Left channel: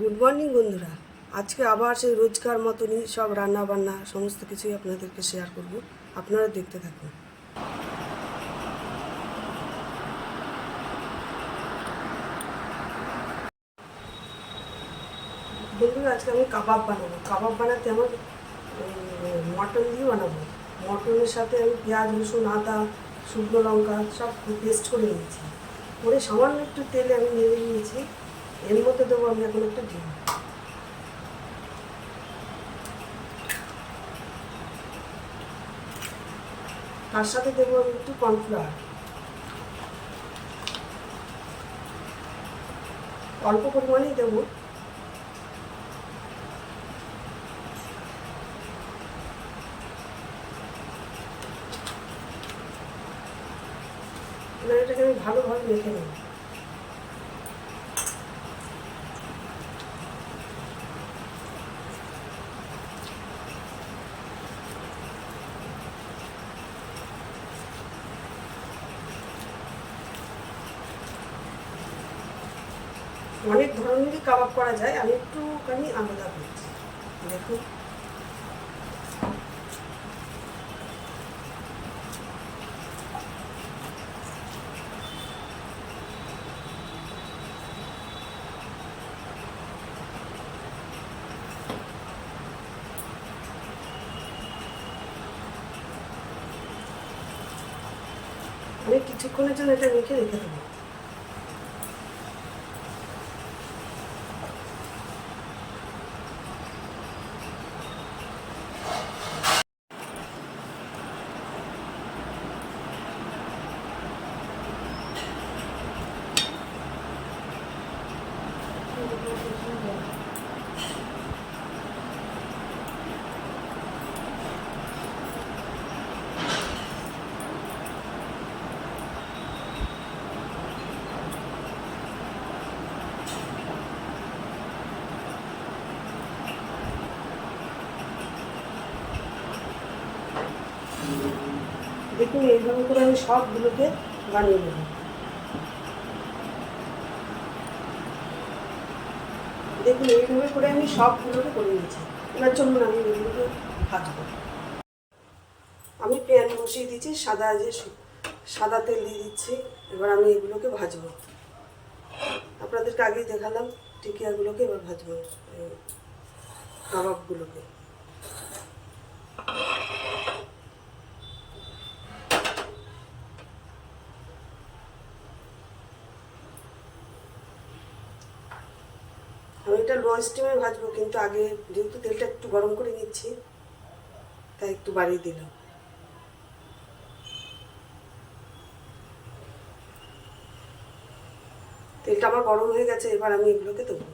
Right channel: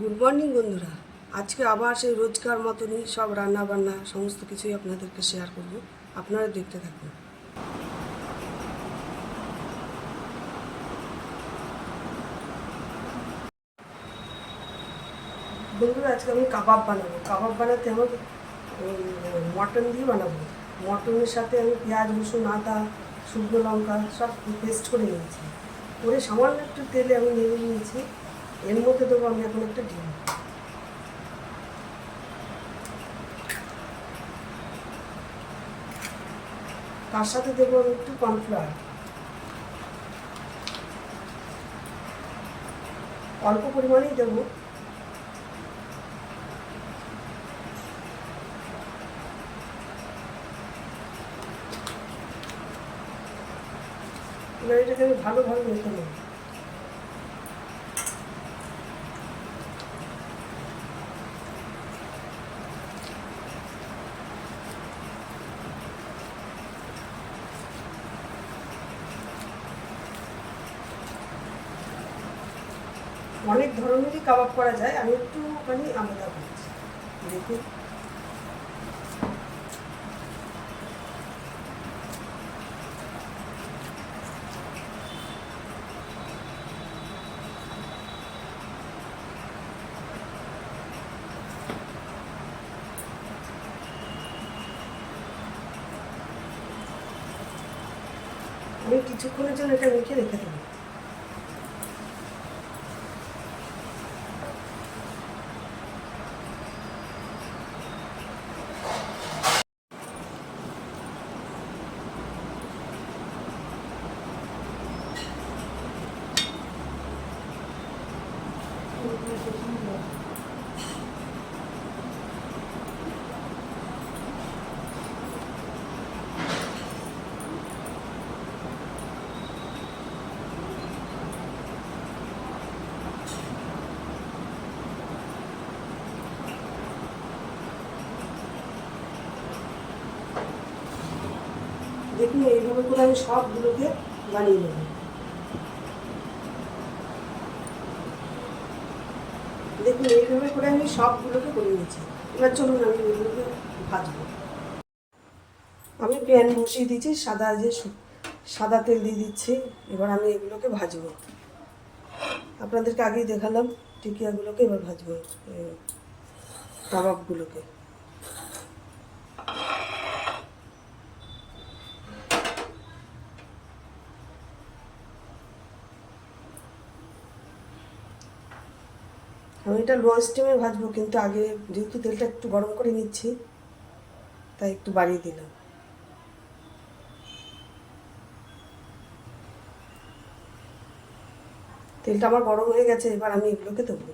Good morning বন্ধুরা। আজকে আবার সেই রোজকার মতনই সব রান্না বান্না সমস্ত কিছুই আপনাদেরকে শেয়ার করব। আপনারা দেখতে থাকুন। বন্ধুরা, আজকে আমি কাবাব বানাবো। কাবাব বানাতে আমার মটন দিয়ে বানাবো। মটনের সাথে আমি পেঁয়াজ, রসুন, আদা, শুকনো লঙ্কা সব পেস্ট করে নিয়েছি। করে সামান্য একটু তেলে আমি নেড়ে নিয়েছি। এর মধ্যে দেবো আমি এখন একটা ডিম। তার সাথে দেবো আমি একটু কর্নফ্লাওয়ার, অল্প পরিমাণেই দেবো। এবার এটাকে আমি ভালোভাবে মেখে নেব। অনেক ধরনেরই কাবাব করা যায়, আমি একটুখানি আলাদা করছি। দেখুন, আমি কিছুক্ষণের জন্য এটা মেখে রেখে দেবো। দেখুন, এইভাবে করে আমি সবগুলোকে বানিয়ে নেব। দেখুন, এইভাবে করে আমি সবগুলোকে করে নিয়েছি। এবার চলুন আমি এগুলোকে ভাজবো। আমি প্যান বসিয়ে দিয়েছি, সাদা তেল দিয়ে দিচ্ছি। এবার আমি এগুলোকে ভাজবো। আপনাদেরকে আগেই দেখালাম টিকিয়াগুলোকে, এবার ভাজবো কাবাবগুলোকে। আমি এটা লো স্টিমে ভাজবো, কিন্তু আগে যেহেতু তেলটা একটু গরম করে নিচ্ছি তাই একটু বাড়িয়ে দিলাম। তেলটা আমার গরম হয়ে গেছে, এবার আমি এগুলোকে দেবো।